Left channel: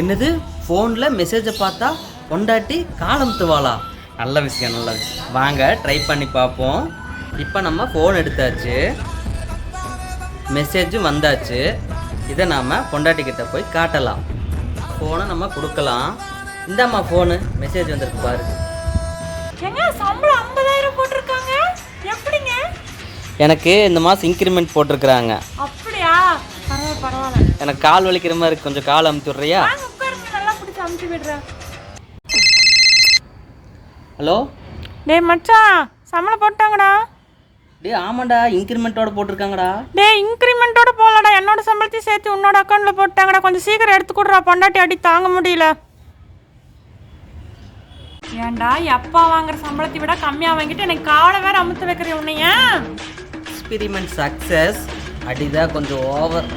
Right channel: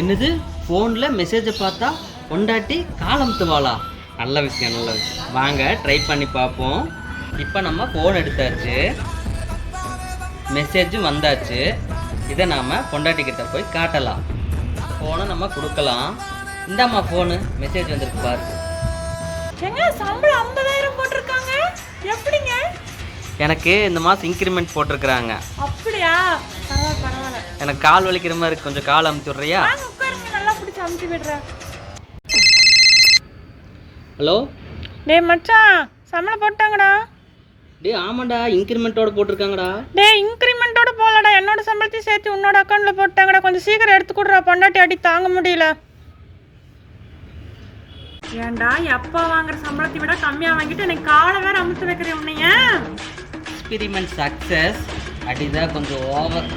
என்னது ஃபோனில் மெசேஜை பார்த்தா பொண்டாட்டி காலமுத்துவாளா? நல்ல விஷயம் நல்ல விஷயம். வாங்க ட்ரை பண்ணி பார்ப்போம். இப்போ நம்ம ஃபோன் எடுத்தாச்சு, மெசேஜும் வந்தாச்சு. இதை நாம் பொண்டாட்டிக்கிட்ட போய் காட்டலாம். ஃபோனை நம்ம கொடுக்கலாம். இந்தாம்மா ஃபோனு, மெசேஜ் வந்திருக்கு பாரு. எங்க சம்பளம் 50,000 போட்டிருக்காங்க? எப்படிங்க? எனக்கு இந்த மாதம் இன்க்ரிமெண்ட் போட்டிருக்கிறாங்க. அப்படியா? பரவாயில்ல பரவாயில்ல. எனக்கு கால் வலிக்கிற மாதிரி இருக்கு, கொஞ்சம் கால் அமுத்தி விட்றியா? உட்காருங்க, நல்லா பிடிச்சி அமுத்தி விடுறேன். ஹலோ டேய் மச்சான், சம்பளம் போட்டாங்கடா. டேய் ஆமாண்டா, இன்க்ரிமெண்ட்டோட போட்டிருக்காங்கடா. டேய் இன்க்ரிமெண்ட்டோட போகலடா, என்னோட சம்பளத்தையும் சேர்த்து உன்னோட அக்கௌண்ட்டில் போட்டாங்கடா. கொஞ்சம் சீக்கிரம் எடுத்து கொடுறா, பொண்டாட்டி அடி தாங்க முடியல. ஏன்டா எப்பா வாங்குற சம்பளத்தை விட கம்மியாக வாங்கிட்டு எனக்கு காலை வேற அமுத்து வைக்கிறேன் உன்னைய. Experiment success. அடிதான் கொஞ்சம் ஓவர்.